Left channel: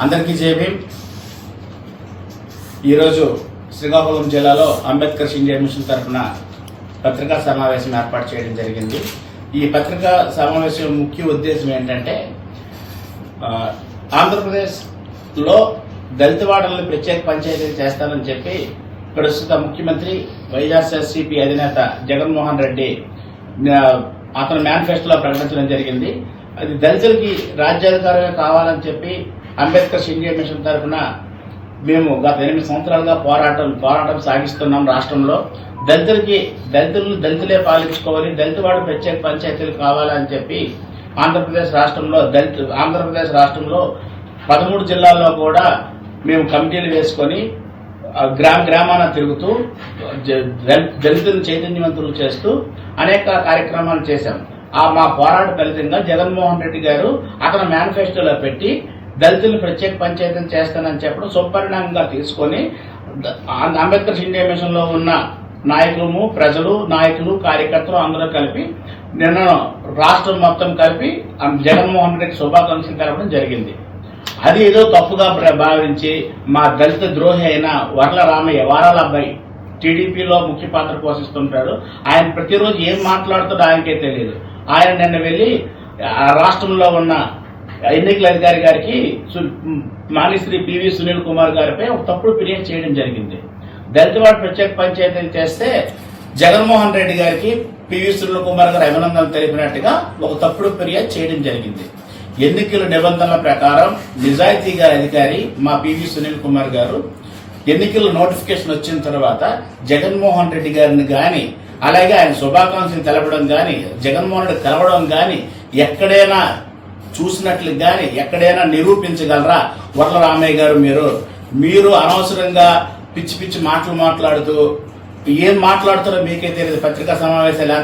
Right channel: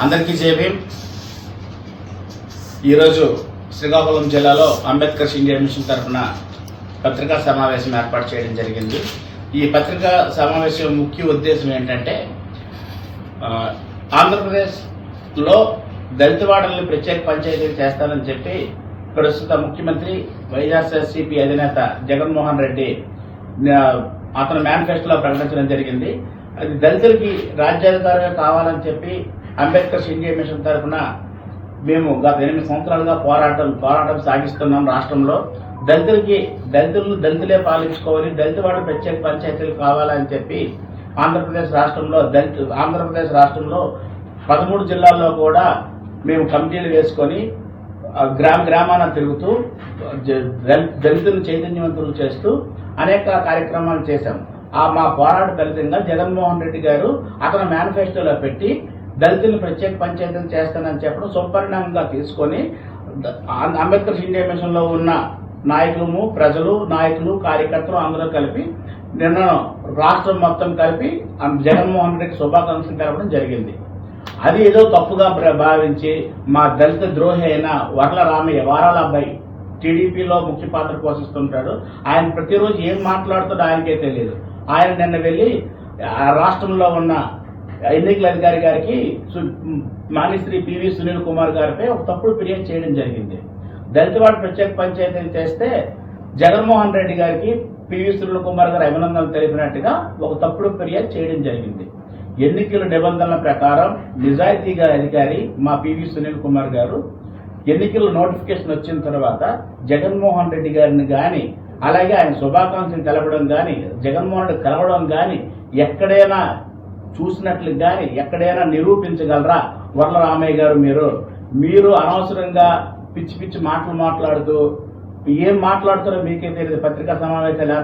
అందరికీ జై భీమ్. ఈరోజు శ్రీకాకుళం జిల్లాలో అంబేద్కర్ ఇండియా మిషన్ తరఫున పత్రికా సమావేశం ఏర్పాటు చేయడం జరిగింది. ఈ పత్రికా సమావేశం ముఖ్య ఉద్దేశం ఏంటంటే, ఆంధ్రప్రదేశ్లో దళితవాడల్ని ప్రత్యేక పంచాయతీలు చేస్తానని చెప్పి ప్రస్తుత ముఖ్యమంత్రి వైఎస్ఆర్సీపీ అధినేత జగన్మోహన్ రెడ్డి అతను మేనిఫెస్టోలో ప్రకటించడం జరిగింది. అది దళితులకి రాజ్యాధికారమే కావాలని చెప్పి అంబేద్కర్ ఇండియా మిషన్ తరఫున మేము గత 8 సంవత్సరాలుగా పోరాటం సాగిస్తున్నాం. రాష్ట్రంలో దళితులే పాలించుకోవాలి, దళితవాడు ప్రత్యేక పంచాయతీలు కావాలని చెప్పి ఆంధ్రప్రదేశ్ రాష్ట్రంలో 13 జిల్లాల్లో కూడా మేము కమిటీలు వేసుకొని గ్రామాన తిరుగుతూ దళితులను చైతన్యవంతులు చేస్తూ అనేక కార్యక్రమాలు చేశాం. మా పోరాట ఫలితంగా జగన్మోహన్ రెడ్డి గారు అతను మేనిఫెస్టోలో పెట్టి దళితులను ప్రత్యేక పంచాయతీలు చేస్తానని చెప్పడం సుపరిణామంగా తీసుకొని అంబేద్కర్ ఇండియా మిషన్ లో ఉన్న నాయకులు కార్యకర్తలు అందరూ కలిపి నిన్న రాష్ట్రం మొత్తం కలిపి జగన్మోహన్ రెడ్డి శుభాకాంక్షలు తెలపడం జరిగింది. అది ఏదో తప్పుగా భావించి మా దళిత ద్రోహి అయిన వర్ల రామయ్య వారాల అబ్బాయి టీడీపీలో ముఖ్య పాత్ర పోషిస్తుంటాడు. ఆయన ప్రతిరోజు ఏం మాట్లాడుతాడో ఆయనకే తెలియదు. ఆయన నిన్న వెళ్లి రాష్ట్రంలో ఉన్న ఎన్నికల అధికారి గారికి మానిశ్రీ పివి సునీల్ కుమార్ గారిపై ఒక తప్పుడు ఫిర్యాదు చేయడం జరిగింది. దళితవాడ ప్రత్యేక పంచాయతీలు చేస్తే జగన్మోహన్ రెడ్డి గారికి పివి సునీల్ కుమార్ గారు అభినందనలు తెలిపినట్టుగా ఒక తప్పుడు ఫిర్యాదు చేయడం జరిగింది. ఎన్నికల నిబంధనల ప్రకారం నిజాయితీగా అధికారి మా పివి సునీల్ కుమార్ గారు ఎన్నికల నోటిఫికేషన్ వచ్చిన తర్వాత జగన్మోహన్ రెడ్డి గారిని గాని, అలాగే ఆయన శుభాకాంక్షలు తెలపడం గాని, జగన్మోహన్ రెడ్డి కలవడం గాని ఎక్కడైనా చూసినట్లు గాని ఎక్కడైనా నిరూపించగలరా? వర్ల రామయ్య గారు మీరు అనవసరంగా పిచ్చి మాటలు మాట్లాడుతూ ఏం మాట్లాడుతారో మీకే తెలియదు. పత్రికా సమావేశంలో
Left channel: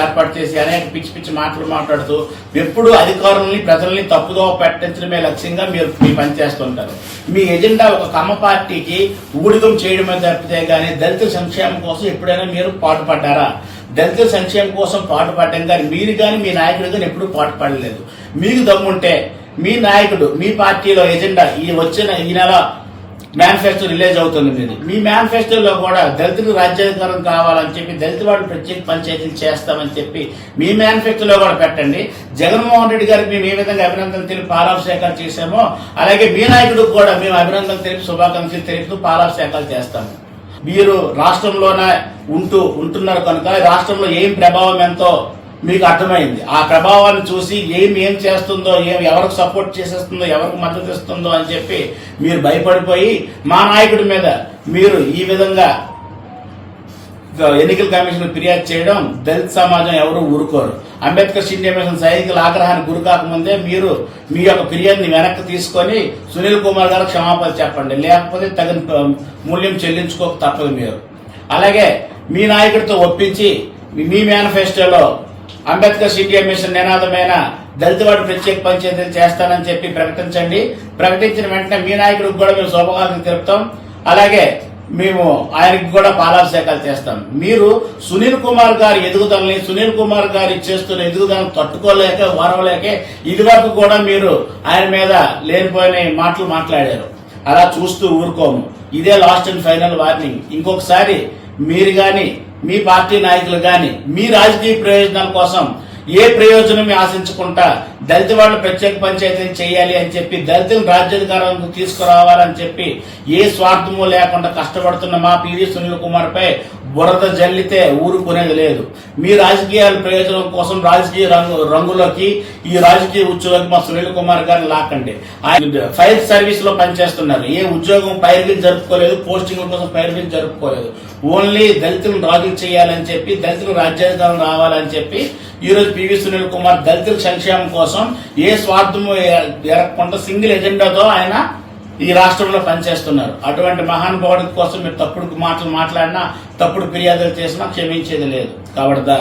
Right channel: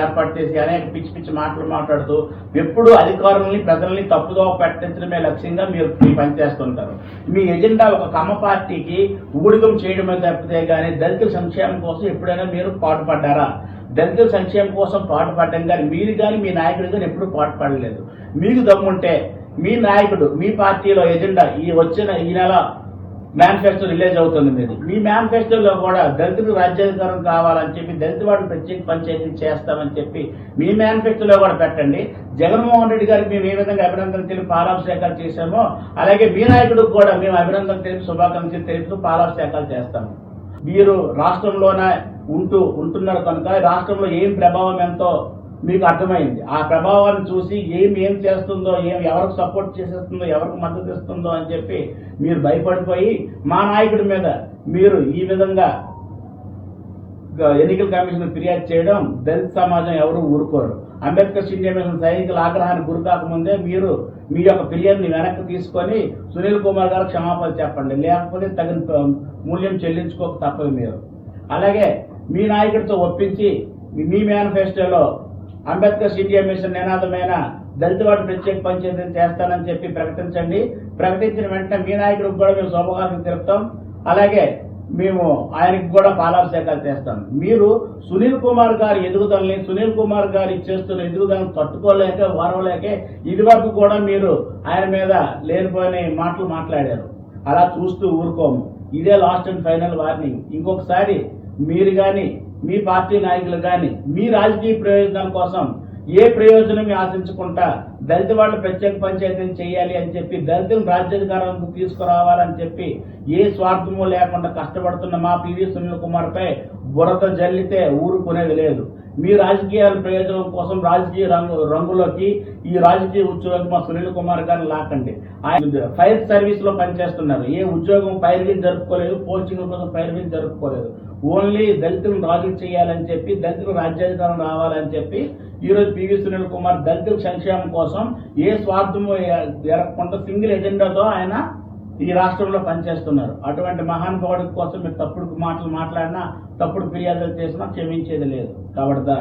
ఏర్పాటు చేసి అనేక పిచ్చి మాటలు మాట్లాడుతూ ఎప్పుడు అధికారులని ప్రజల్ని తప్పుదో పట్టించడమే లక్ష్యంగా మీరు పనిచేస్తుంటారు. మీ ఎజెండా ఒక కమ్మ పార్టీకి ఊడిగం చేయడమే తప్పితే గానీ దళితుల సంక్షేమం కోసం ఎప్పుడైనా మీరు పాటుపడ్డారా? దళితుల సంక్షేమం కోసం పాటుపడ్డం కానీ మీరు కానీ మీ నాయకుడు కానీ ఎప్పుడూ పాటుపడలేదు. మీకు దమ్ముంటే మీ నాయకుడు మీ పార్టీలో ఎజెండా ఈ నెల మేనిఫెస్టో రిలీజ్ అవుతుంది. మీ మేనిఫెస్టోలో కూడా దళితులకు రాజ్యాధికారం కావాలని చెప్పి దళితవాడు ప్రత్యేక పంచాయతీలు చేస్తామని చెప్పి మీ మేనిఫెస్టోలో కూడా పెట్టండి. జగన్మోహన్ రెడ్డి గారికి మేము ఏ విధంగా అభినందనలు తెలిపి పాలాభిషేకాలు చేశామో అలాగే మీ నాయకుడికి కూడా మేము అభినందనలు తెలిపి శుభాకాంక్షలు తెలుపుతూ పాలాభిషేకాలు చేస్తాము. మీరు రాష్ట్రంలోనే ఉంటున్నారు కనుక రాష్ట్రంలో ఏం ప్రభావం ఎంతో మీకు అర్థమైంది. ఆ ప్రభావాన్ని చూసి ఏం చేస్తుందో, ఎవరికి సపోర్ట్ చేసేస్తుందో, ఎవరికి మద్దతు ఇస్తుందో అని చెప్పి మీరు భయపడిపోయి మా నాయకుడి మీద మీరు ఈ విధంగా ఎన్నికల కమిషన్ ఫిర్యాదు చేయడం దళిత సమాజం ఎవరు ఊరుకోరు. అంబేద్కర్ ఇండియా మిషన్ సైనికుల ఆగ్రహానికి గురి కాకముందే మీరు మీ యొక్క ఫిర్యాదుని వెనక్కి తీసుకొని సునీల్ కుమార్ గారు క్షమాపణ చెప్పండి, లేకపోతే తగిన మూల్యం చెల్లించుకోక తప్పదు మీరు. అలాగే మీ నాయకుడితో ఒప్పించి మీ మేనిఫెస్టోలో అంబేద్కర్ ఇండియా మిషన్ నినాదమైన దళితవాడు ప్రత్యేక పంచాయతీలు చేస్తానని చెప్పి ప్రకటించండి. ప్రకటించిన వెంటనే మీ నాయకుడికి కూడా మేము శుభాకాంక్షలు తెలుపుతాం. అలాగే మేము ఆయనకి కూడా పాలాభిషేకాలు చేస్తాం. మీరు సునీల్ కుమార్ గారి ఎదుగుదలని, సునీల్ కుమార్ గారి చేస్తున్న ఎదుగుదలను తట్టుకోలేక వారవలేక ఇది వరకు కూడా మీరు ఆయన మీద లేనిపోయిన మాటలు మాట్లాడారు. అలా చూస్తూ ఊరుకోము. ఇదే లాస్ట్ అండ్ ఫైనల్ వార్నింగ్. ఇంకొకసారి మీరు గాని మీ పార్టీ నాయకులు గాని మీ రాజకీయ ప్రయోజనాల కోసం ఏ ప్రయోజనం ఆశించకుండా దళితవాళ్ళు ప్రత్యేక పంచాయతీలు చేయాలి అని చెప్పి దళితులను రాజ్యాధికారానికి తీసుకురావాలని చెప్పి ఏ స్వార్థమూ లేకుండా కష్టపడుతున్న మా పివి సునీల్ కుమార్ పై బురద జల్లితే ఊరుకునేది లేదు. మీ రాజకీయాల ప్రయోజనం కోసం రాజకీయ రంగులోకి ఈ రాజకీయ ఉద్యోగం మా సునీల్ కుమార్ గారిని లాకండి. ఆయన ఫైర్ సర్వీస్ లో పనిచేస్తున్నారు. ఏ ఉద్యోగం పైరువీలు జరుపుకోలేదు, పోస్టింగ్ల కోసం పైరువీలు జరుపుకోలేదు. ఓన్లీ దళితులను రాజులు చేయాలని చెప్పి దళితులు రాజ్యాధికారం రావాలని చెప్పి ఈరోజు పివి సునీల్ కుమార్ దళితుల సంక్షేమం కోసం ఏ స్వార్థము ఎరగకుండా సింగిల్ ఎజెండాతో ఆయన ఈ రాష్ట్రంలో పనిచేస్తున్నారు. అటువంటి మహానుభావుడి కోసం మీరు తప్పుడు మాటలు మాట్లాడినా, తప్పుడు ఫిర్యాదులు చేసినా క్షమించేది లేదు. కాబట్టి